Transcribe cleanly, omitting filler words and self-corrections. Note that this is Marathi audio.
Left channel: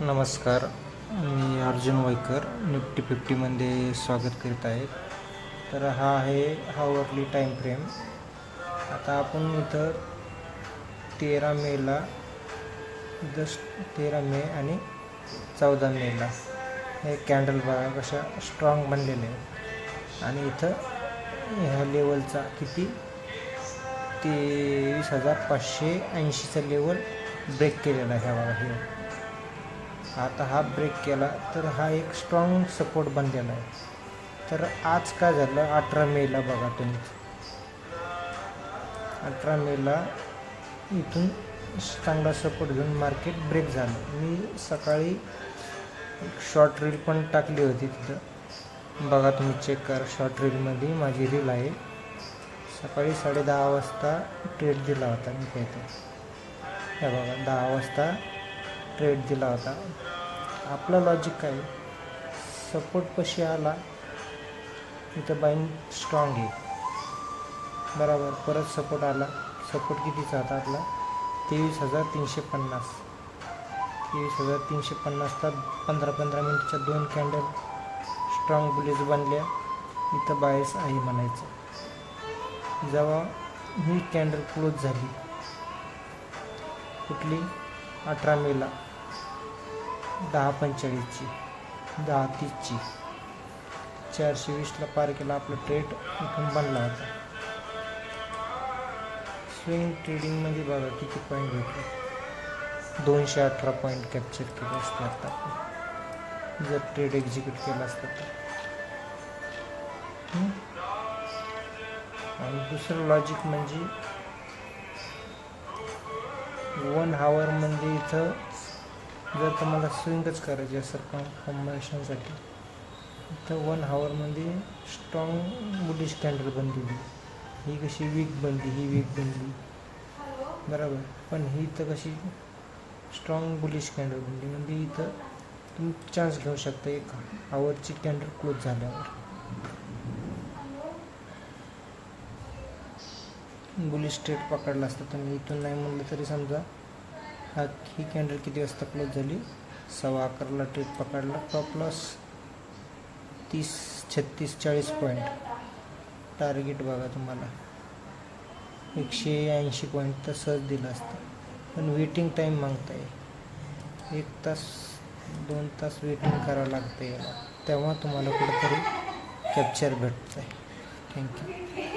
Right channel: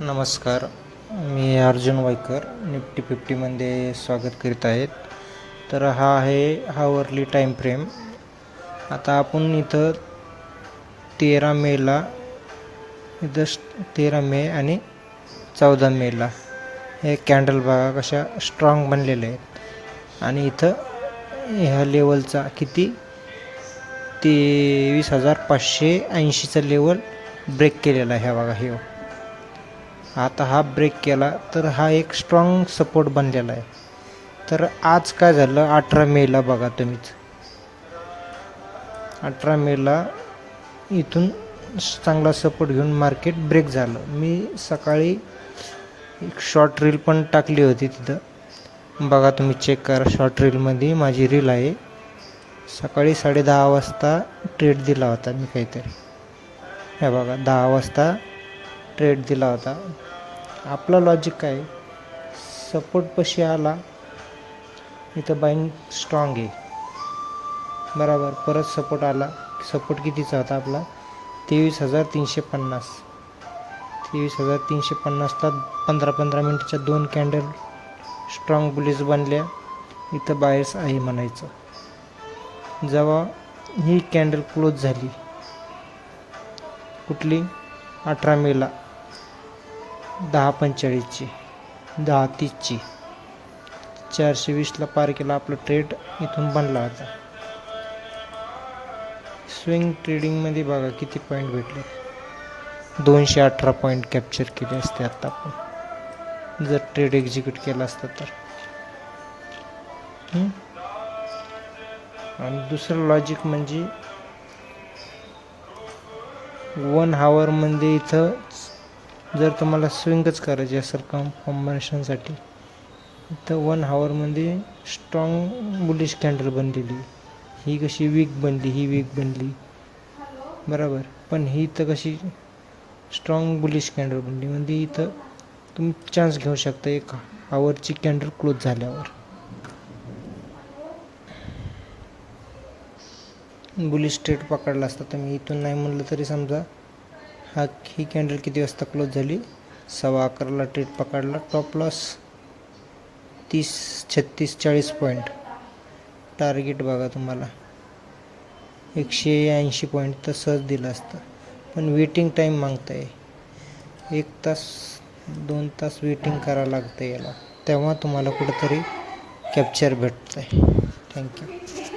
नमस्कार, मी अर्जुन वायकर निफ्टी 50मध्ये स्वागत करीत आहेत. तर हा आहे हावरली टाईम फ्रेम. आता आपण इथं 13 मेला इथं 13 मे आणि 14 मेला हे कॅन्डल बघा कशा स्ट्रॉंग बनलेले आहेत. आणि इथं ह्या लेवलचा किती 23,580चा लेवल ब्रेक केलेला आहे. बघा हे आता हा ब्रेक केला तर हा एक स्ट्रॉंग सपोर्ट बनलेला आहे. तर आज काय झालं 18 मेला बघा तुम्हीच 18 मेला इथून चांगला सपोर्ट घेऊन मार्केट ब्रेक झालं. मी सकाळी एक शॉर्ट रील पण टाकली होती तिथं बघा, तुम्ही चेक करा. शॉर्ट रीलमध्ये माझी रील आहे. सकाळी 10:30 वाजता ट्रेड दिला होता मी काहीतरी. हे बघा 10 वाजता ट्रेड दिला होता. आपलं लॉजिक काय, सपोर्ट पशी आला इथं बाईंग स्ट्रॉंग आहे बरोबर. परत सपोर्ट आला. सपोर्ट कितीचा होता आपला 23,350. 23,350ला 15-15 मिनिटच्या 2 कॅन्डल स्ट्रॉंग बुलिश बनल्या. इथं बायर्स आहे म्हणायचं. जेव्हा ही कॅन्डल क्लोज झाली कुठली 18 मेला 10:45ची 10:30ची 420ला पार केला. आपला ट्रेड इथून बनला होता. स्विंग ट्रेडिंगमध्ये बघा किती पॉईंट भेटले. 218 पॉईंट कॅप्चर केले असते आता आपण जर ट्रेड एक्झिक्यूट केला असतं तर. आणि दुसरं लॉजिक म्हणजे 1 हावरमध्ये इथं जर तुम्हाला स्विंगच करायची असेल कॉम्बिनेशनसाठी तर 1 हावरमध्ये स्ट्रॉंग बुलिश कॅन्डल बनलेली. ही कशी वीक बनली, ही वीक बनली बरोबर. पण ही इथं कशी स्ट्रॉंग बुलिश कॅन्डल बनली म्हणजे इथं तुम्ही चान्स घेऊ शकता 1 हावरची कॅन्डल क्लोज झाल्यावर. बुलिश ट्रेड पकडला असता तर मी इथून नाही म्हणलं तरी समजा ही कॅन्डल किती वाजता क्लोज झाली 11:15ला ट्रेड पकडला. Top loss 30, 36, 40 point. टार्गेट बघा तुम्हाला 180 पॉईंट तर सहज दिलं असतं. पण वेटिंग टाईम मागताय 1 तास 2 तास वेटिंग करावं लागतं याला, तेव्हा तुम्हाला कुठेतरी कॅप्चर भेटतं आहे. थँक्यू.